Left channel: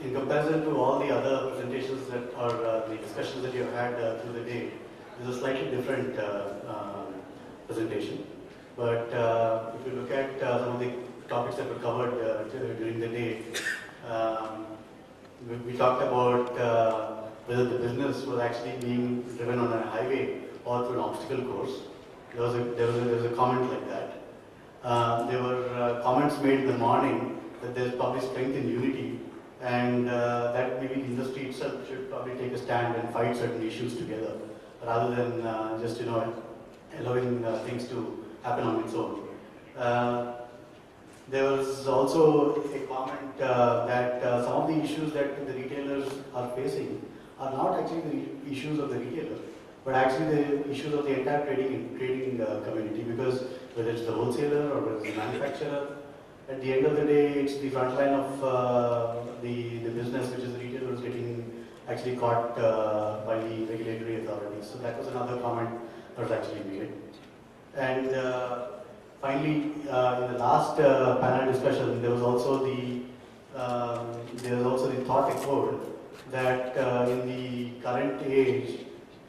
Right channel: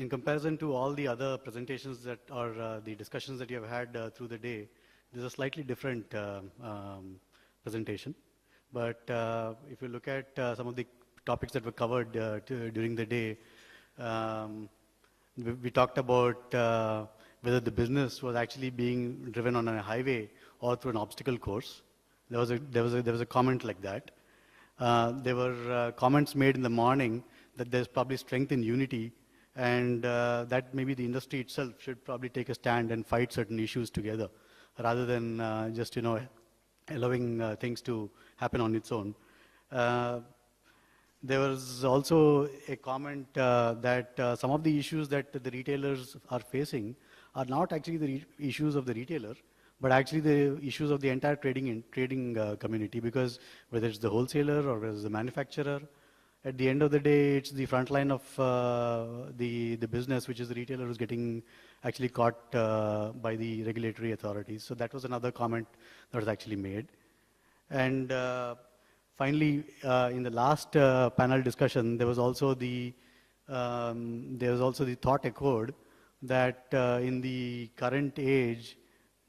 in comparison to all the other presentations that or the discussions that you have had through the day, this is a slightly different presentation. But if you look at some of the topics that were covered during the day, we talked about whether the business was actually being driven on a highway or through an obstacle course. There was a comment like that. There were comments made in the morning that there's probably strength in unity, and that maybe the industry itself should probably take a stand and fight certain issues together, rather than just allowing things to happen on its own. There was also a comment that some of the issues that the retailers are facing are not actually the issues of the retailer, but actually the issues of the entire trading community, because whether it's the wholesaler or it's the manufacturer, at the end of the day, it's the front line of the business, which is the retailer, who's getting actually caught by the regulatory authorities. So that was another comment that was actually made. And finally, in the last panel discussion, there was also the thought echoed that in the current age,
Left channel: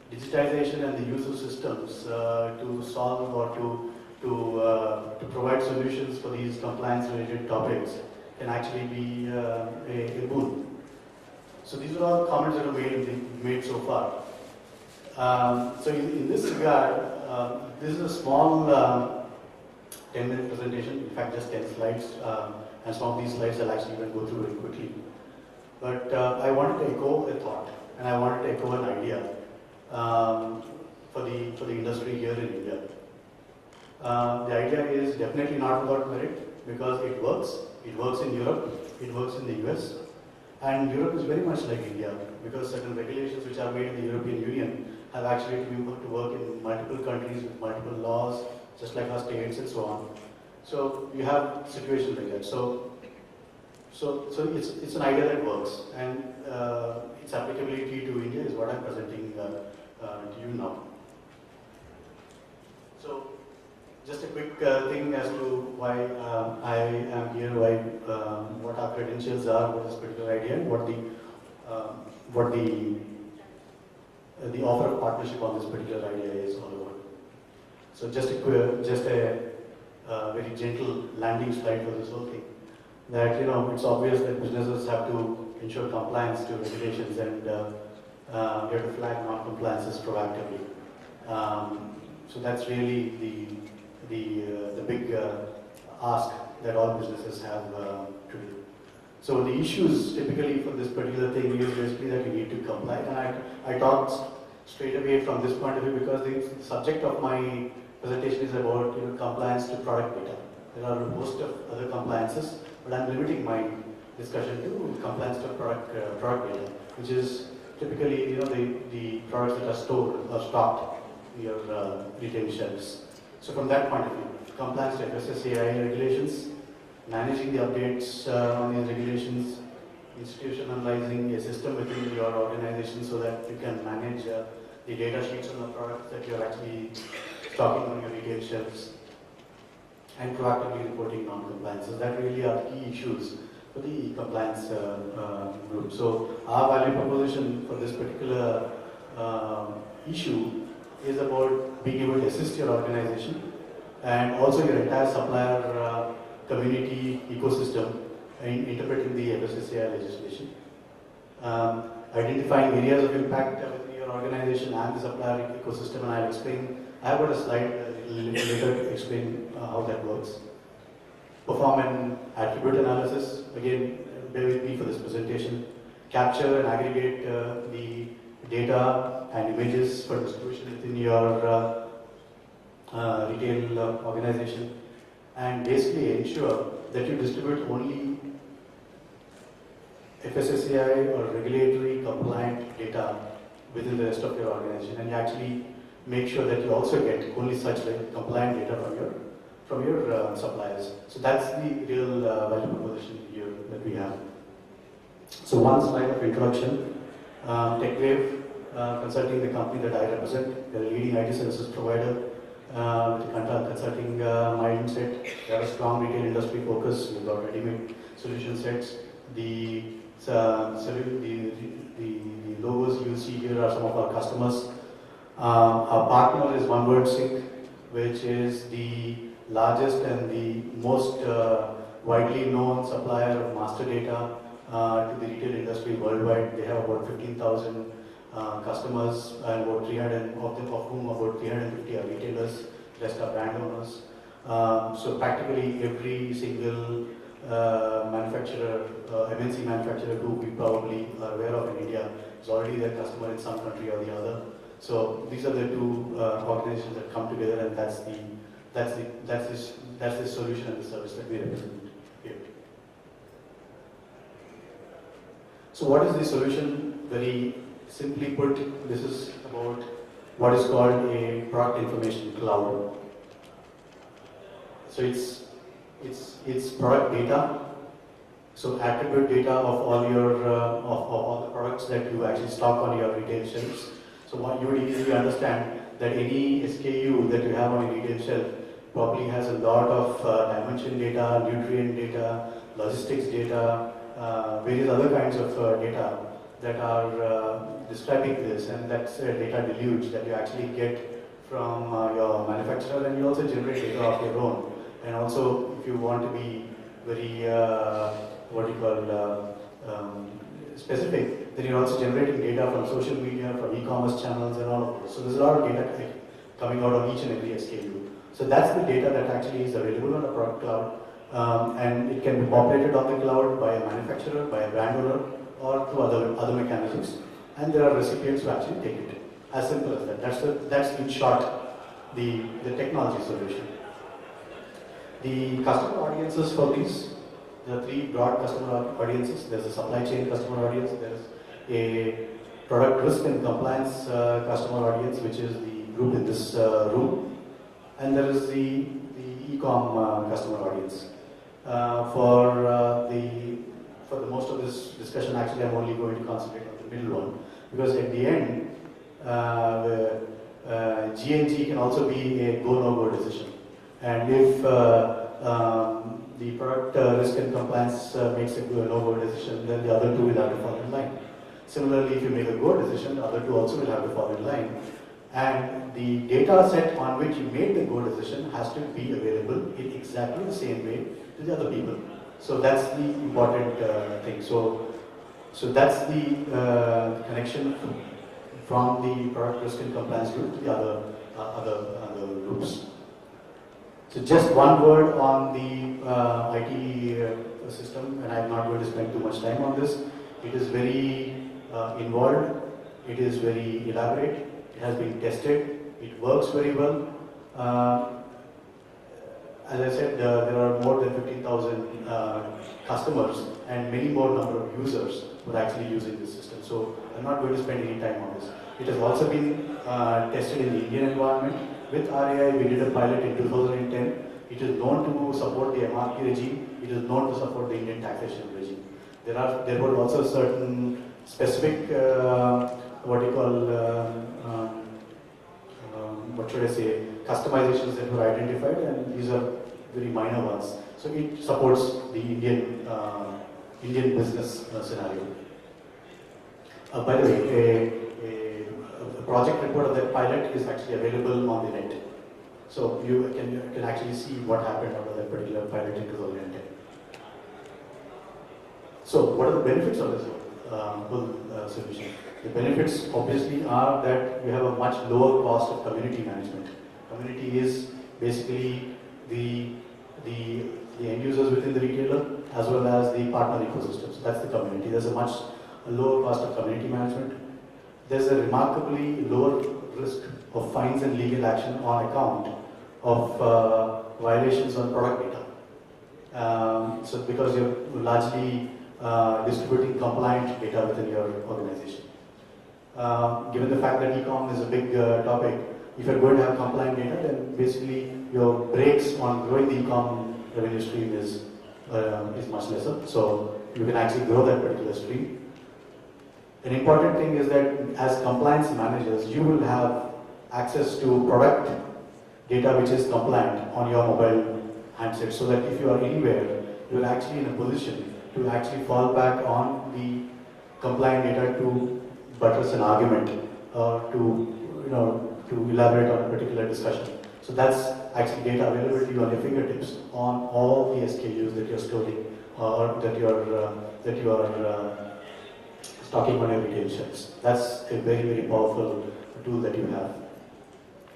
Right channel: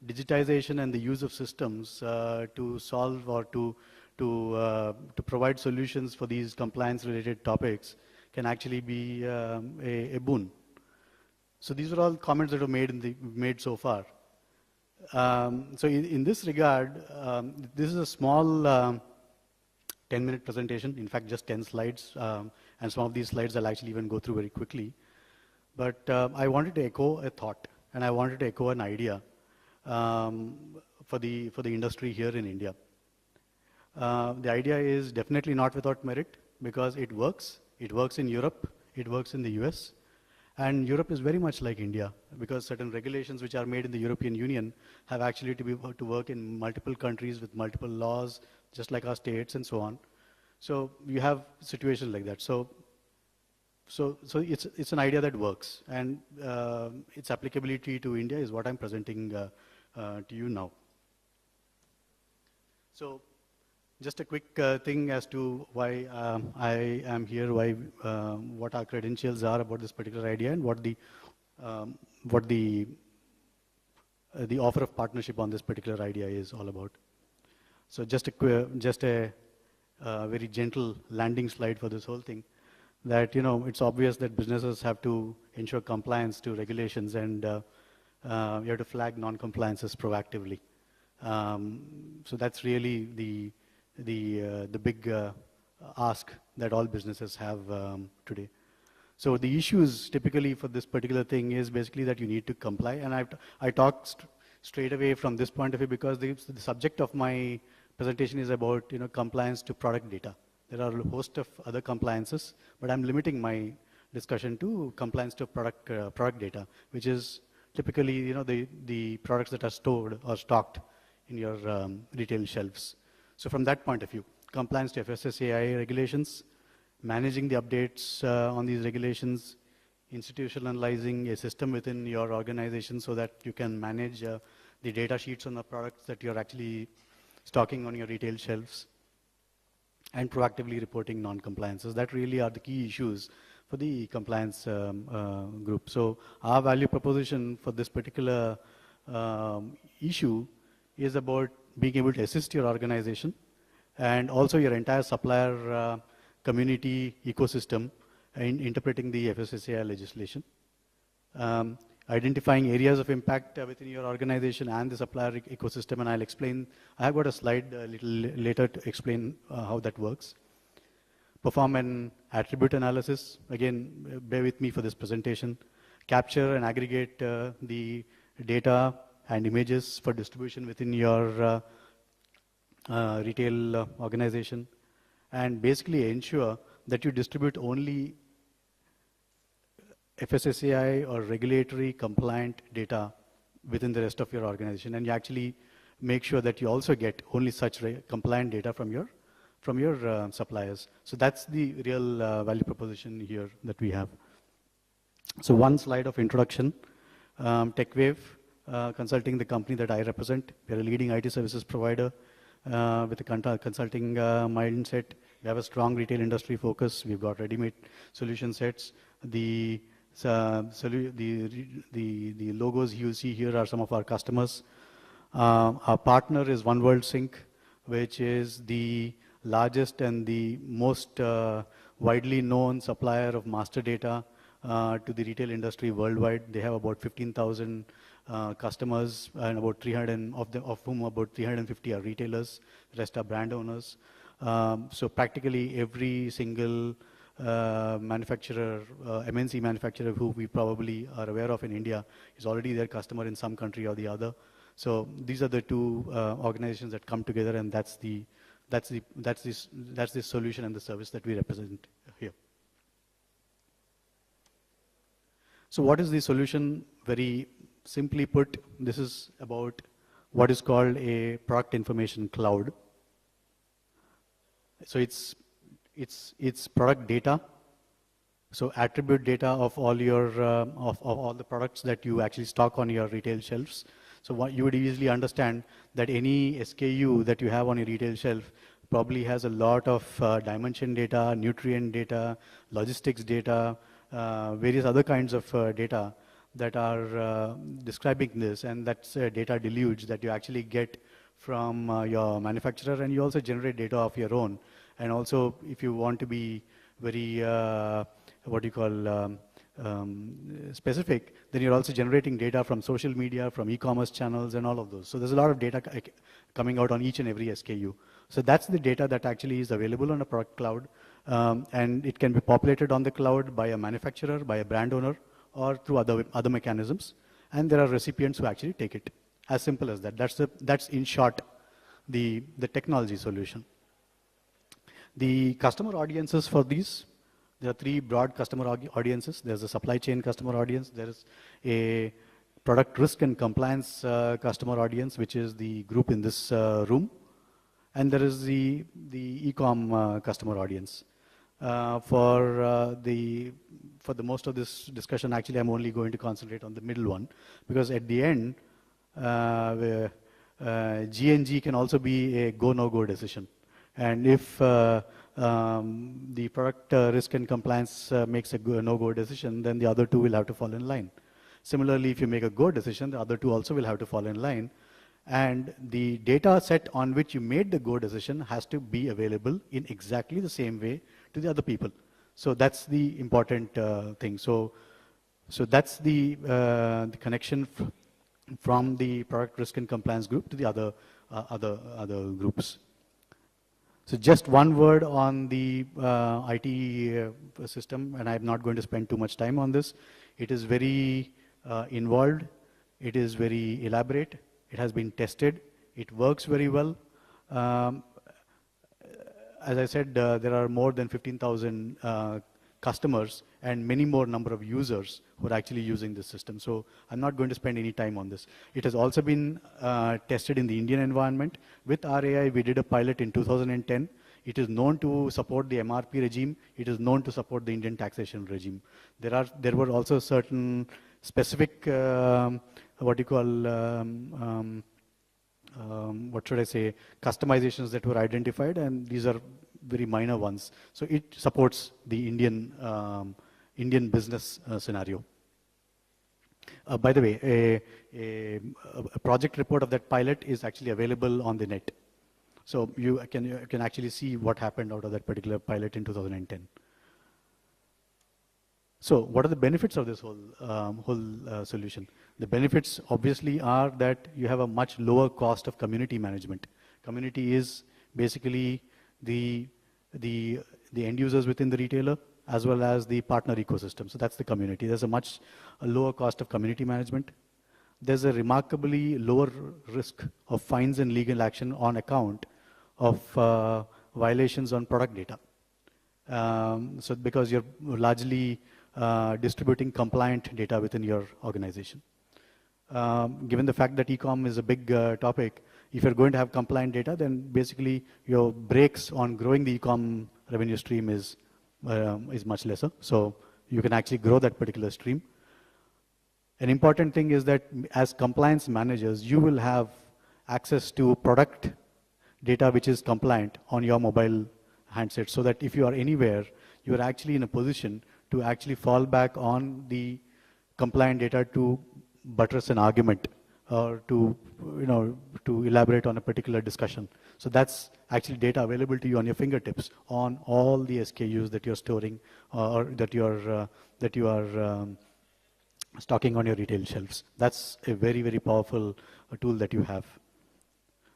digitization and the use of systems to solve or to provide solutions for these compliance-related topics can actually be a boon. So these are all comments that were made so far. So in this regard, this is a small 10-minute presentation, in fact just 10 slides, and some of these slides I'll actually even go through very quickly. But I wanted to echo a thought, and I wanted to echo an idea for the industry here in India. The idea is definitely not without merit, because it works. It works in Europe, it works in the US, and Europe is very much like India, because certain regulations which are made in the European Union have actually to work in multiple countries with multiple laws, just like our states and so on. So you have situations like that. So it's an idea that works, and its applicability to India is what I'm presenting to you now. So just a quick thing as to why I am here, what our credentials are with this particular idea, and what the offer of partnership on this particular idea is all about. So just a very gentle landing slide for this whole thing. That it's obvious that businesses have to ensure compliance to regulations, and you have to flag non-compliances proactively. So that's really the big ask that all businesses have to do. So the issues typically for this particular thing is basically that you need to comply, and I talked straight away from this point of view, because the subject of my presentation is about compliance to product data. There are a host of other compliances, but I'm limiting my discussion to compliance to product data, which is typically the products that are stored or stocked in your retail shelves. So from that point of view, compliance to FSSAI regulations, managing the updates on these regulations, institutionalizing a system within your organization so that you can manage the data sheets on the products that you're actually stocking on your retail shelves, and proactively reporting non-compliances. That really are the key issues for the compliance group. So our value proposition for this particular issue is about being able to assist your organization and also your entire supplier community ecosystem in interpreting the FSSAI legislation, identifying areas of impact within your organization and the supplier ecosystem, and I'll explain. I have got a slide a little later to explain how that works. Perform an attribute analysis. Again, bear with me for this presentation. Capture and aggregate the data and images for distribution within your retail organization, and basically ensure that you distribute only FSSAI or regulatory compliant data within the rest of your organization, and you actually make sure that you also get only such compliant data from your suppliers. So that's the real value proposition here that we have. So one slide of introduction. TechWave Consulting, the company that I represent, we're a leading IT services provider with a consulting mindset. We have a strong retail industry focus. We've got ready-made solution sets. The the logos you see here are some of our customers. Our partner is One World Sync, which is the largest and the most widely known supplier of master data to the retail industry worldwide. They have about 15,000 customers, and about 300 of whom about 350 are retailers, rest are brand owners. So practically every single manufacturer, MNC manufacturer who we probably are aware of in India is already their customer in some country or the other. So these are the two organizations that come together, and that's the solution and the service that we represent here. So what is the solution? Very simply put, this is about what is called a product information cloud. So it's product data, so attribute data of all your of all the products that you actually stock on your retail shelves. So what you would easily understand that any SKU that you have on your retail shelf probably has a lot of dimension data, nutrient data, logistics data, various other kinds of data that are describing this, and that's a data deluge that you actually get from your manufacturer, and you also generate data of your own. And also, if you want to be very specific, then you're also generating data from social media, from e-commerce channels, and all of those. So there's a lot of data coming out on each and every SKU. So that's the data that actually is available on a product cloud, and it can be populated on the cloud by a manufacturer, by a brand owner, or through other mechanisms. And there are recipients who actually take it. As simple as that. That's in short the technology solution. The customer audiences for these, there are three broad customer audiences. There's a supply chain customer audience, there's a product risk and compliance customer audience, which is the group in this room, and there is the e-com customer audience. For the most of this discussion, actually I'm only going to concentrate on the middle one, because at the end, G&G can also be a go-no-go decision. And if the product risk and compliance makes a no-go decision, then the other two will have to fall in line. Similarly, if you make a go decision, the other two also will have to fall in line. And the data set on which you made the go decision has to be available in exactly the same way to the other people. So that's the important thing. So that's the connection from the product risk and compliance group to the other groups. So just one word on the IT system, and I'm not going to spend too much time on this. It is very involved, it is very elaborate, it has been tested, it works very well. As I said, there are more than 15,000 customers and many more number of users who are actually using this system. So I'm not going to spend any time on this. It has also been tested in the Indian environment. With RAI, we did a pilot in 2010. It is known to support the MRP regime. It is known to support the Indian taxation regime. There were also certain specific, customizations that were identified, and these are very minor ones. So it supports the Indian business scenario. By the way, a project report of that pilot is actually available on the net. So you can actually see what happened out of that particular pilot in 2010. So what are the benefits of this whole solution? The benefits obviously are that you have a much lower cost of community management. Community is basically the end users within the retailer as well as the partner ecosystem. So that's the community. There's a much lower cost of community management. There's a remarkably lower risk of fines and legal action on account of violations on product data. So because you're largely distributing compliant data within your organization. Given the fact that e-com is a big topic, if you're going to have compliant data, then basically your brakes on growing the e-com revenue stream is much lesser. So you can actually grow that particular stream. An important thing is that as compliance managers, you will have access to product data which is compliant on your mobile handset, so that if you are anywhere, you are actually in a position to actually fall back on the compliant data to buttress an argument or to elaborate on a particular discussion. So that's actually data available to you on your fingertips on all the SKUs that you're storing or that you are stocking on your retail shelves. That's a very, very powerful tool that you have.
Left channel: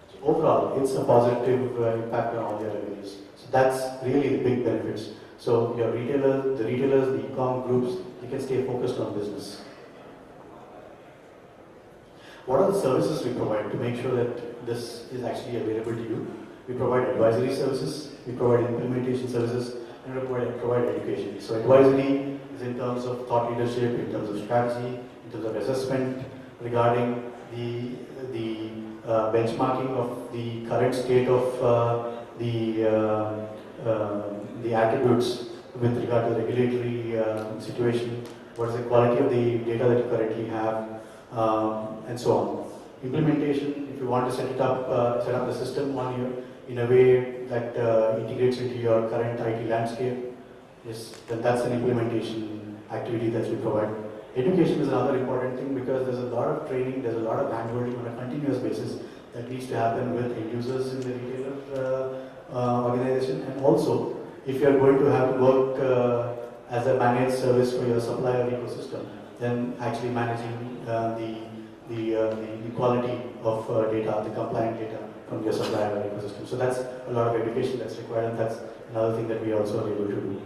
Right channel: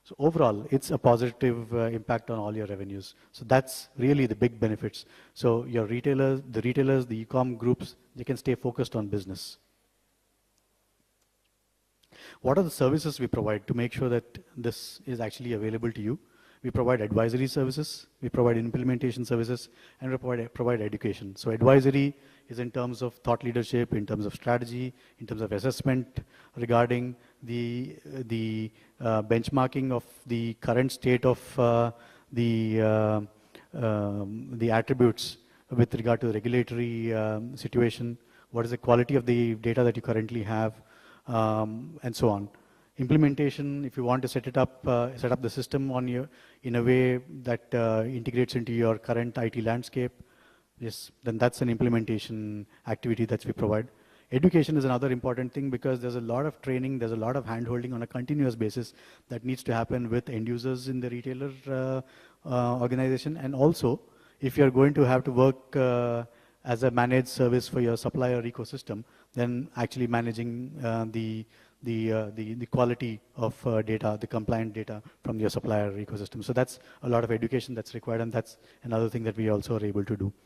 So overall, it's a positive impact on all your revenues. So that's really the big benefits. So your retailers, the e-com groups, they can stay focused on business. What are the services we provide to make sure that this is actually available to you? We provide advisory services, we provide implementation services, and we provide education. So advisory is in terms of thought leadership, in terms of strategy, in terms of assessment regarding the benchmarking of the current state of the attributes with regard to the regulatory situation, what is the quality of the data that you currently have, and so on. Implementation, if you want to set up the system on your in a way that integrates into your current IT landscape, yes, then that's an implementation activity that we provide. Education is another important thing because there's a lot of training, there's a lot of hand-holding on a continuous basis that needs to happen with end users in the retailer organization, and also if you're going to have to work as a managed service for your supplier ecosystem, then actually managing the quality of data, the compliant data from your supplier ecosystem. So that's a lot of education that's required, and that's another thing that we also are able to do.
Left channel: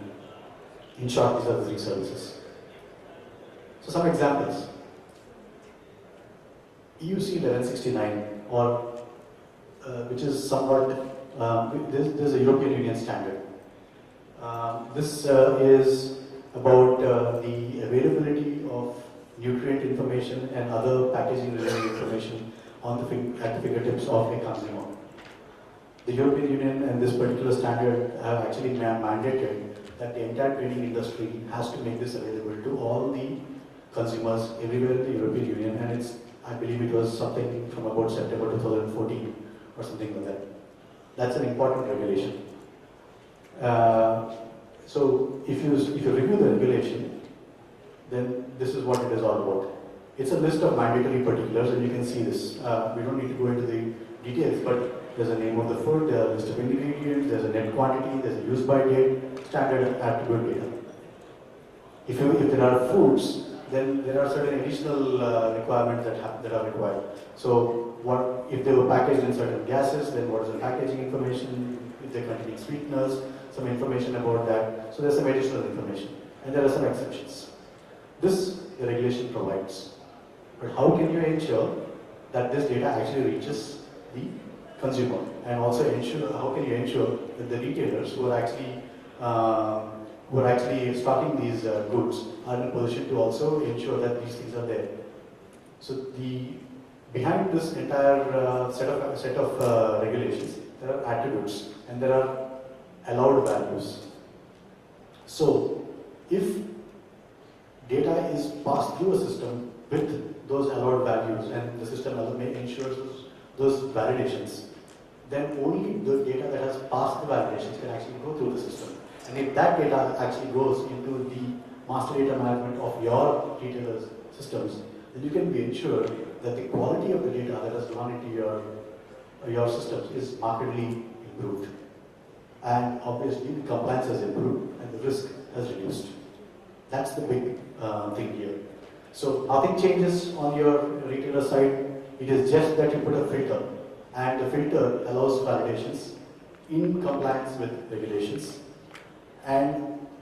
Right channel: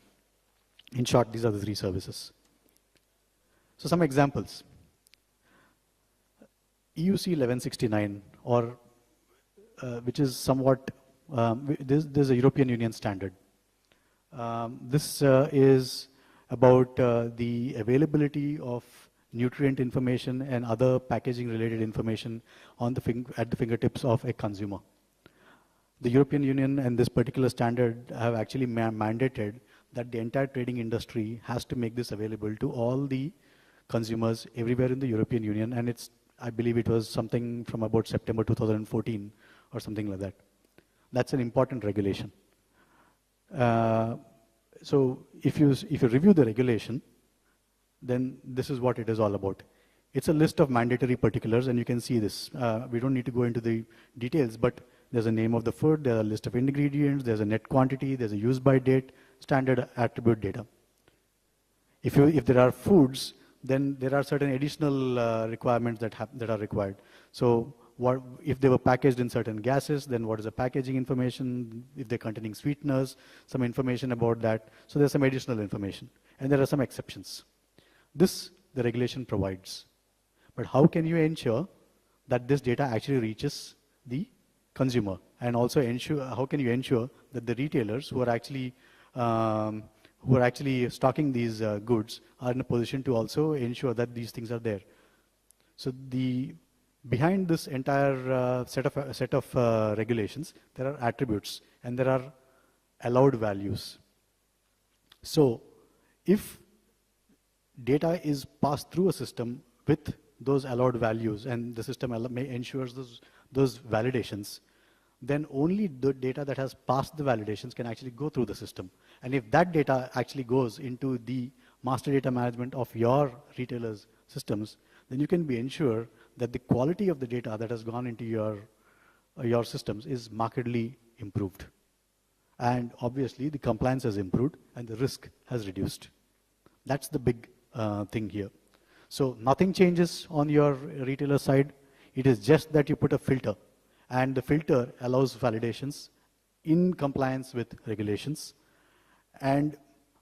In short, these are the three services. So some examples. EUC 1169, or which is somewhat, this is a European Union standard. This is about the availability of nutrient information and other packaging related information on at the fingertips of a consumer. The European Union and this particular standard have actually mandated that the entire trading industry has to make this available to all the consumers everywhere in the European Union, and I believe it was something from about September 2014 or something like that. That's an important regulation. So if you review the regulation, then this is what it is all about. It's a list of mandatory particulars, and you can see this. We don't need to go into the details, but there's a name of the food, there's a list of ingredients, there's a net quantity, there's a use by date, standard attribute data. If there are foods, then there are certain additional requirements that are required. So if they were packaged in certain gases, then what is the packaging information? If they're containing sweeteners, some information about that. So there's some additional information, and there are some exceptions. This the regulation provides. But how can you ensure that this data actually reaches the consumer, and also how can you ensure that the retailers who are actually stocking these goods are in a position to also ensure that these things are there. So behind this entire set of regulations, there are attributes and there are allowed values. So if data is passed through a system with those allowed values and the system ensures those validations, then only the data that has passed the validations can actually go through the system. And if that data actually goes into the master data management of your retailers' systems, then you can be ensured that the quality of the data that has gone into your systems is markedly improved. And obviously the compliance has improved and the risk has reduced. That's the big thing here. So nothing changes on your retailer side. It is just that you put a filter, and the filter allows validations in compliance with regulations. And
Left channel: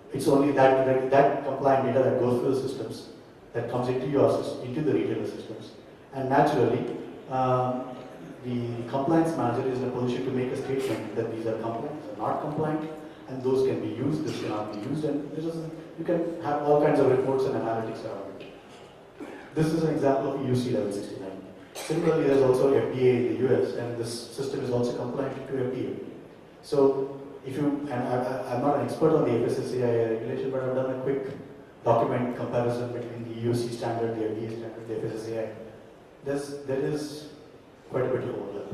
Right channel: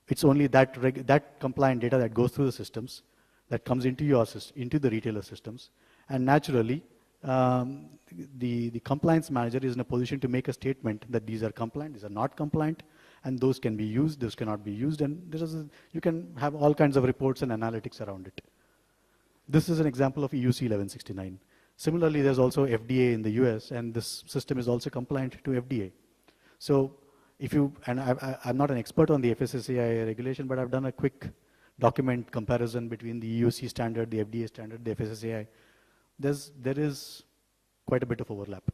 it's only that compliant data that goes through the systems that comes into the retailer systems. And naturally, the compliance manager is in a position to make a statement that these are compliant, these are not compliant, and those can be used, this cannot be used, and you can have all kinds of reports and analytics around it. This is an example of EUC 1169. Similarly, there's also FDA in the US, and this system is also compliant to FDA. So I'm not an expert on the FSSAI regulation, but I've done a quick document comparison between the EUC standard, the FDA standard, the FSSAI. There is quite a bit of overlap.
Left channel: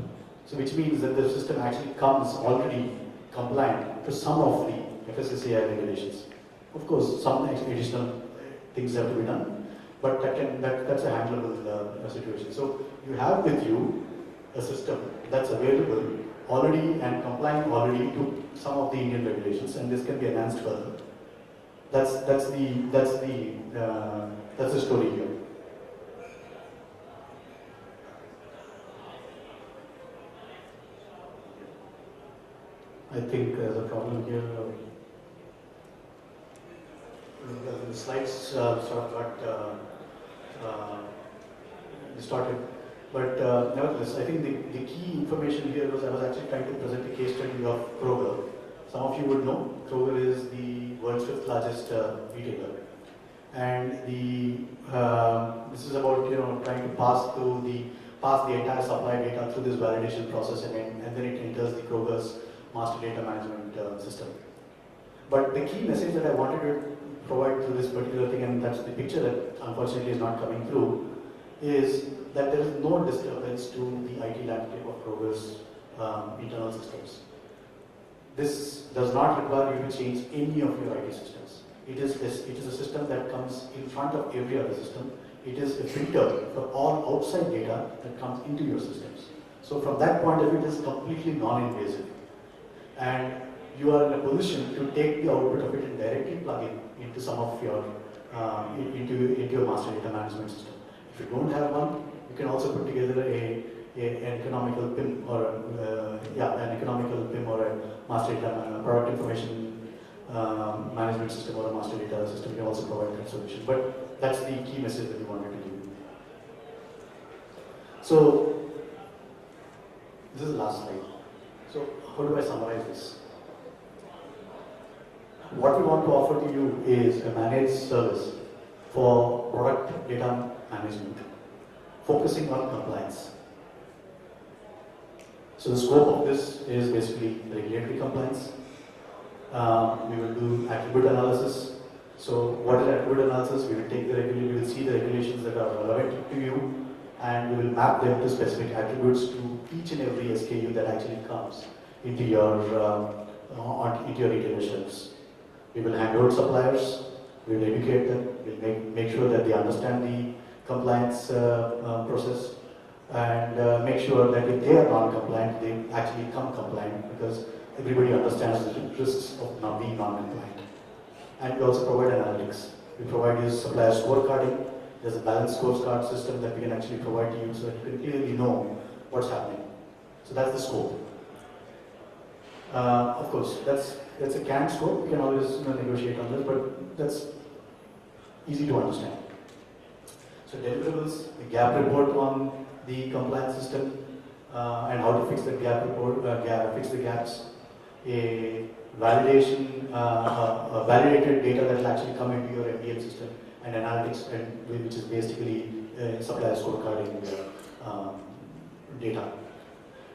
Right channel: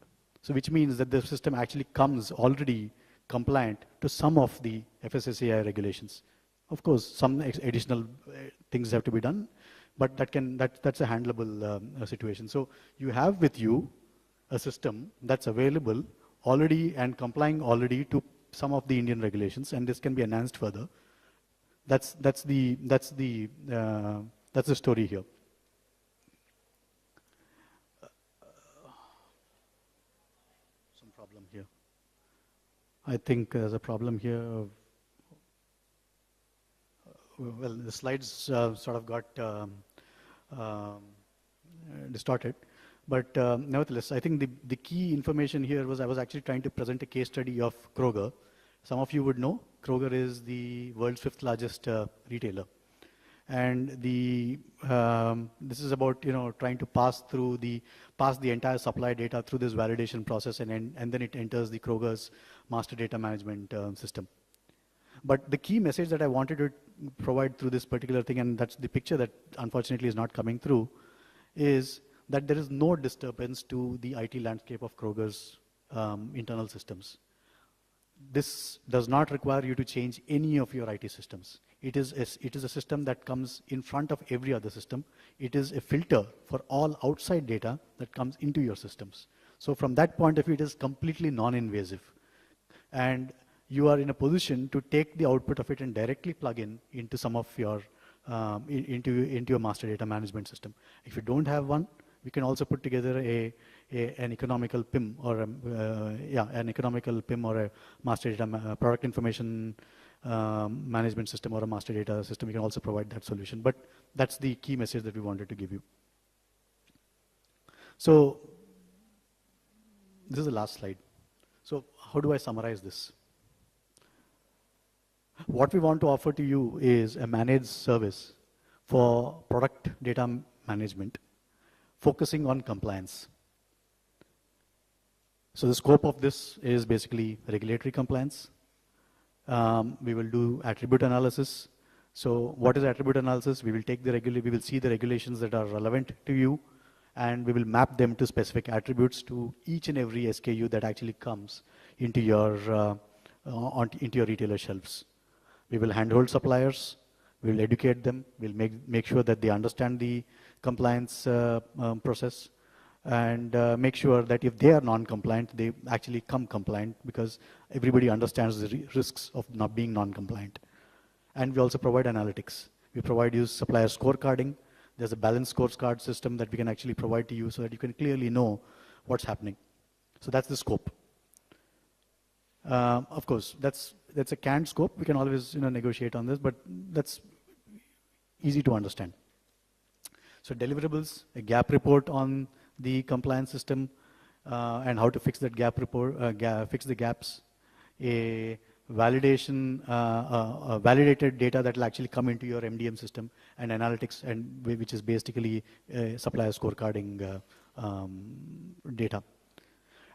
So which means that the system actually comes already compliant to some of the FSSAI regulations. Of course, some additional things have to be done, but that's a handleable situation. So you have with you a system that's available already and complying already to some of the Indian regulations, and this can be enhanced further. That's the story here. I think there's a problem here. Well, the slides sort of got distorted. But nevertheless, I think the key information here was I was actually trying to present a case study of Kroger. Some of you would know Kroger is the world's 5th largest retailer, and this is about trying to pass the entire supply data through this validation process, and then it enters the Kroger's master data management system. But the key message that I wanted to provide through this particular thing, and that's the picture that unfortunately is not coming through, is that there is no disturbance to the IT landscape of Kroger's internal systems. This does not require you to change any of your IT systems. It is a system that comes in front of every other system. It is a filter for all outside data that comes into your systems. So from that point of view, it is completely non-invasive. And you are in a position to take the output of it and directly plug in into some of your into your master data management system. If you don't have one, you can also put together an economical PIM or a master data product information management system or a master data system. You can also provide that solution. But that's the key message that we wanted to give you. So this is the last slide. So how do I summarize this? What we want to offer to you is a managed service for product data management, focusing on compliance. So the scope of this is basically regulatory compliance. We will do attribute analysis. So what is attribute analysis? We will take we will see the regulations that are relevant to you, and we will map them to specific attributes to each and every SKU that actually comes into your retailer shelves. We will handhold suppliers, we will educate them, we will make sure that they understand the compliance process, and make sure that if they are non-compliant, they actually become compliant, because everybody understands the risks of not being non-compliant. And we also provide analytics. We provide you supplier scorecarding. There's a balanced scorecard system that we can actually provide to you so that you can clearly know what's happening. So that's the scope. Of course, that's a canned scope. We can always negotiate on this, but that's easy to understand. So deliverables, a gap report on the compliance system and how to fix that gap report, fix the gaps. A validation, validated data that will actually come into your MDM system, and analytics, and which is basically supplier scorecarding data.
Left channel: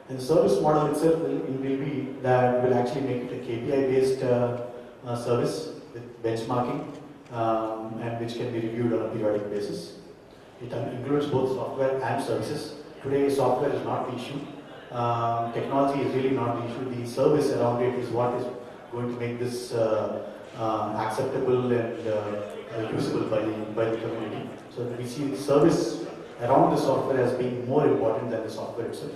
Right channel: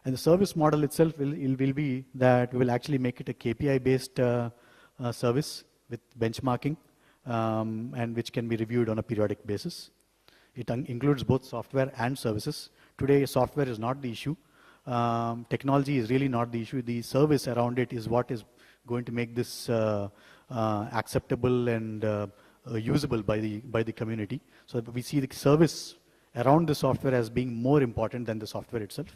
And the service model itself will be that we'll actually make it a KPI-based service with benchmarking, and which can be reviewed on a periodic basis. It includes both software and services. Today, software is not the issue. Technology is really not the issue. The service around it is what is going to make this acceptable and usable by the community. So we see the service around the software as being more important than the software itself.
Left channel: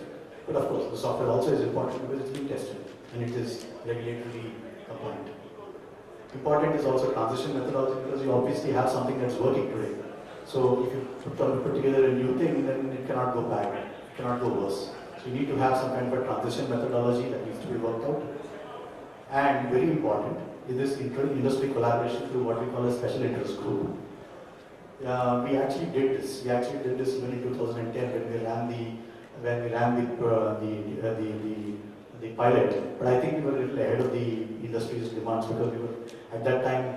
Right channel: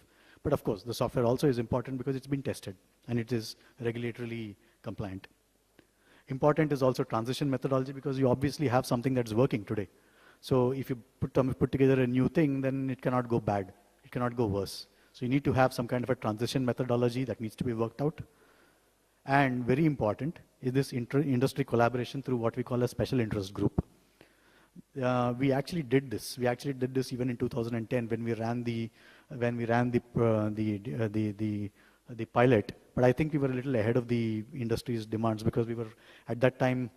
But of course, the software also is important because it's been tested and it is regulatorily compliant. Important is also transition methodology, because you obviously have something that's working today. So if you put together a new thing, then it cannot go bad, it cannot go worse. So you need to have some kind of a transition methodology that needs to be worked out. And very important is this industry collaboration through what we call a special interest group. We actually did this. We actually did this even in 2010 when we ran the pilot. But I think we were a little ahead of the industry's demands, because we were at that time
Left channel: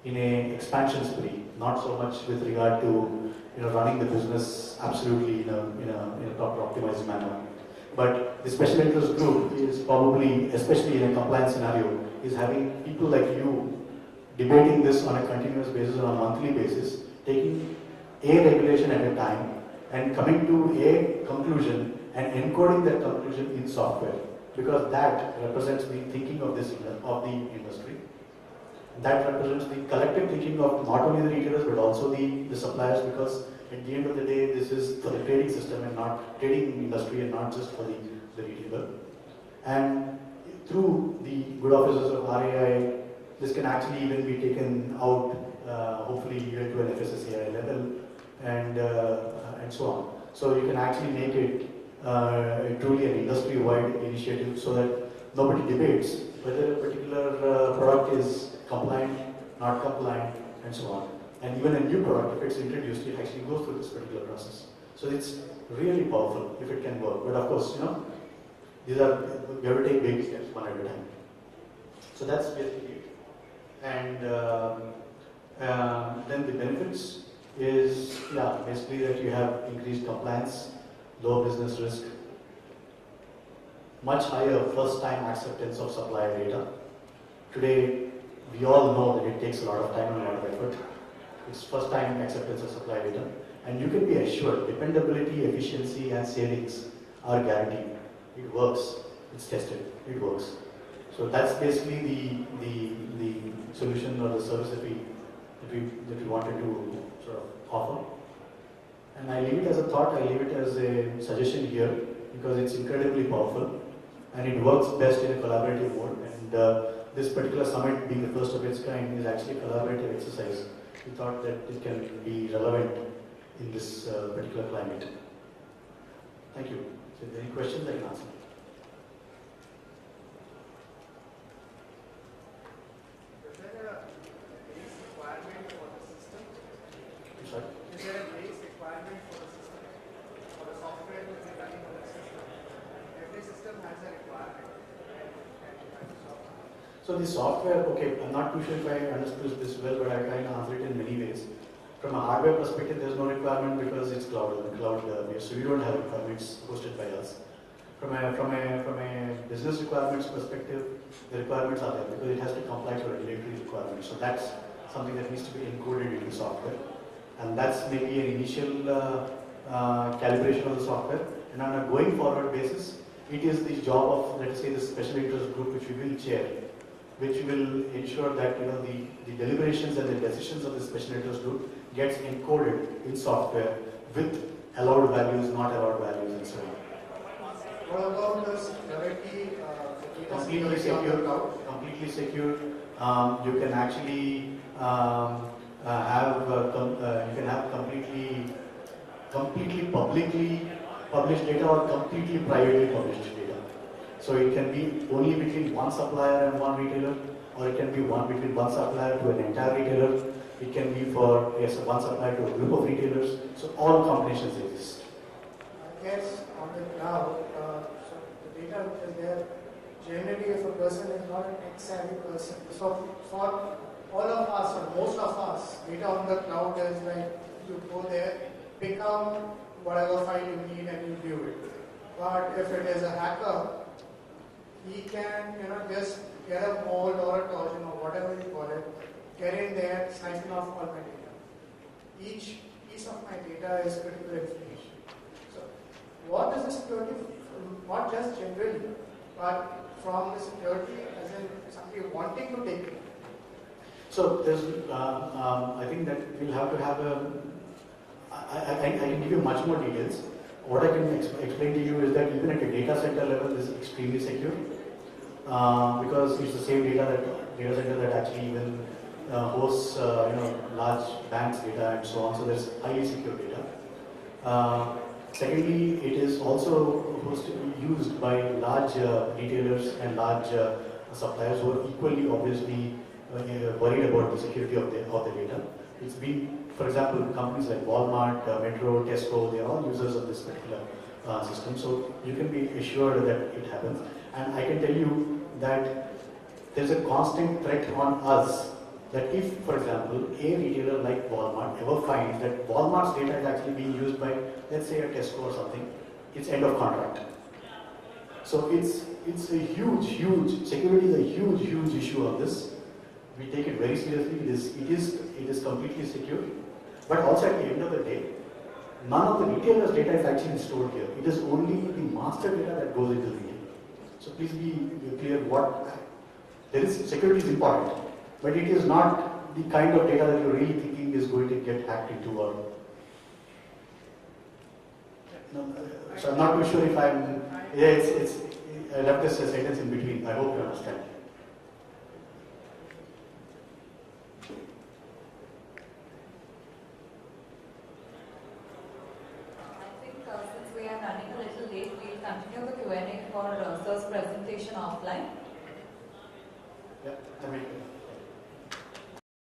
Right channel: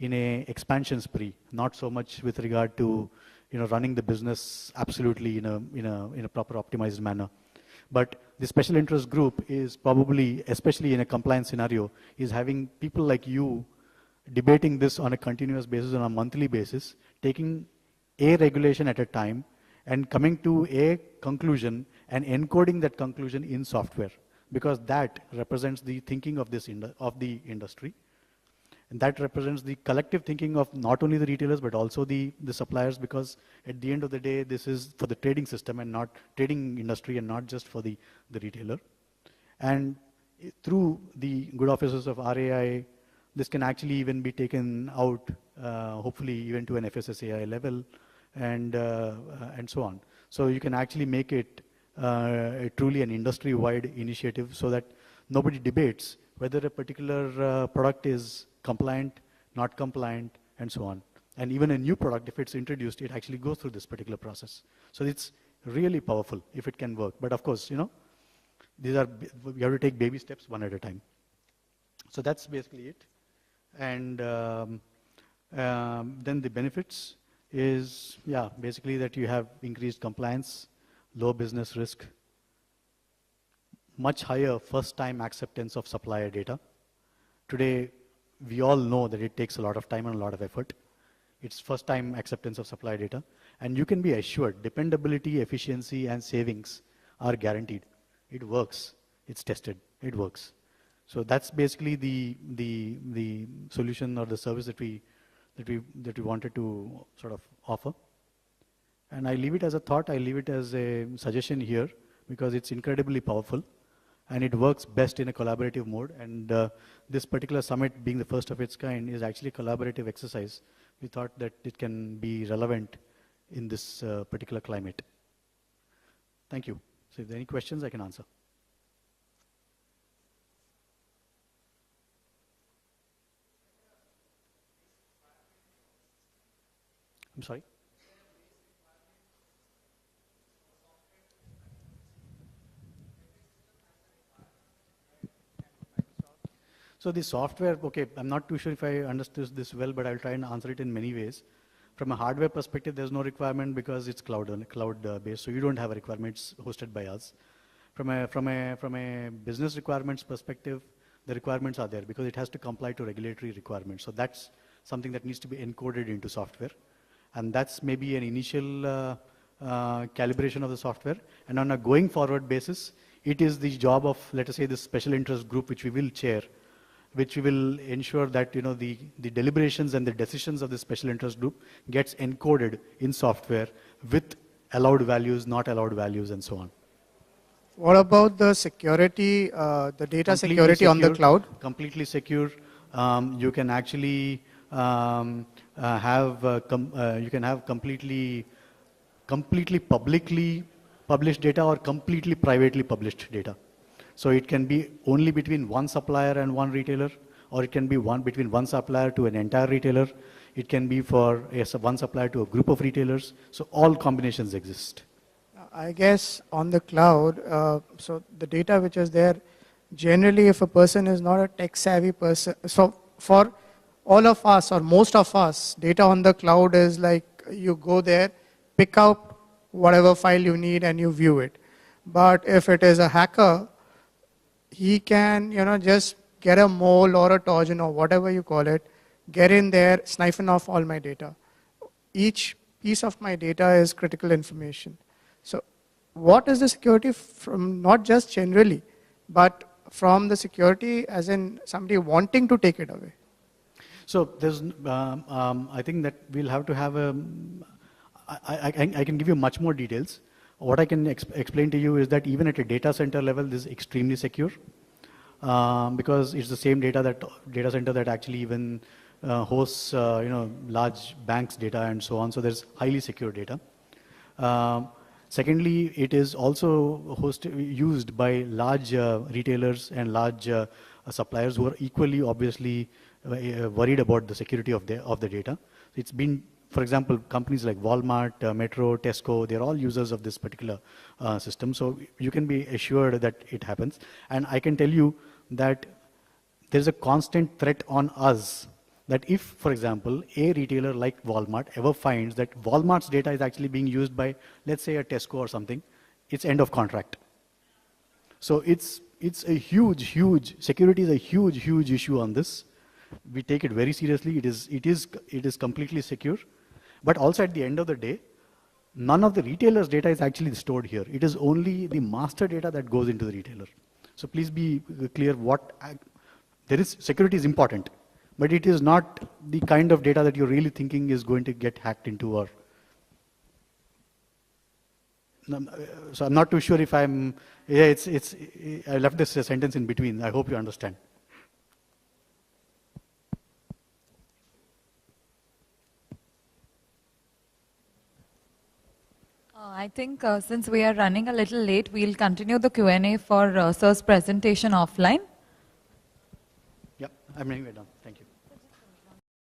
in a expansion spree, not so much with regard to running the business absolutely in a proper optimized manner. But the special interest group is probably, especially in a compliance scenario, is having people like you debating this on a continuous basis, on a monthly basis, taking a regulation at a time and coming to a conclusion and encoding that conclusion in software, because that represents the thinking of the industry. And that represents the collective thinking of not only the retailers but also the suppliers, because at the end of the day, this is for the trading system and not trading industry and not just for the retailer. And through the good offices of RAI, this can actually even be taken out, hopefully even to an FSSAI level, and so on. So you can actually make it truly an industry-wide initiative so that nobody debates whether a particular product is compliant, not compliant, and so on. And even a new product, if it's introduced, it actually goes through this particular process. So it's really powerful if it can work. But of course, you have to take baby steps one at a time. So that's basically it. And then the benefits is, basically that you have increased compliance, low business risk, much higher first-time acceptance of supplier data. Today, we all know that it takes a lot of time and a lot of effort. It's first-time acceptance of supplier data. And you can be assured dependability, efficiency, and savings are guaranteed. It works. It's tested. It works. So that's basically the solution or the service that we wanted to sort of offer. And I leave it as a thought. I leave it as a suggestion here because it's incredibly powerful and it works best in a collaborative mode. And this particular summit, being the first of its kind, is actually a collaborative exercise. We thought that it can be relevant in this particular climate. Thank you. So if there are any questions, I can answer. Is there a base requirement for the system? I'm sorry? Is there a base requirement for the system? For the software to be running on the system? Every system has a requirement. So the software, okay, I'm not too sure if I understood this well, but I'll try and answer it in many ways. From a hardware perspective, there's no requirement because it's cloud-based, so you don't have requirements hosted by us. From a business requirements perspective, the requirements are there because it has to comply to regulatory requirements. So that's something that needs to be encoded into software, and that's maybe an initial calibration of the software. And on a going forward basis, it is the job of, let us say, this special interest group, which we will chair, which will ensure that the deliberations and the decisions of the special interest group gets encoded in software with allowed values, not allowed values, and so on. What about the security, the data security on the cloud? Completely secure. You can actually have completely publicly published data or completely privately published data. So it can be only between one supplier and one retailer, or it can be between one supplier to an entire retailer. It can be for one supplier to a group of retailers. So all combinations exist. I guess on the cloud, so the data which is there, generally if a person is not a tech savvy person, so for all of us or most of us, data on the cloud is like you go there, pick up whatever file you need and you view it. But if it is a hacker, he can, just get a mole or a Trojan or whatever you call it, get in there, siphon off all my data. Each piece of my data is critical information. So what is the security from, not just generally, but from the security as in somebody wanting to take it away? So there's, I think that we'll have to have I can give you much more details. What I can explain to you is that even at a data center level, this is extremely secure because it's the same data center that actually even hosts large banks' data and so on. So there's highly secure data. Secondly, it is also used by large retailers and large suppliers who are equally obviously worried about the security of the data. It's been, for example, companies like Walmart, Metro, Tesco, they're all users of this particular system. So you can be assured that it happens. And I can tell you that there's a constant threat on us that if, for example, a retailer like Walmart ever finds that Walmart's data is actually being used by, let's say, a Tesco or something, it's end of contract. So it's a huge, security is a huge issue on this. We take it very seriously. It is completely secure. But also at the end of the day, none of the retailer's data is actually stored here. It is only the master data that goes into the retailer. So please be clear security is important. but it is not the kind of data that you're really thinking is going to get hacked into or. No, so I'm not too sure if I'm, yeah, I left this sentence in between. I hope you understand. I think since we are running a little late, we'll continue the Q&A for Sir's presentation offline. Yeah, I mean.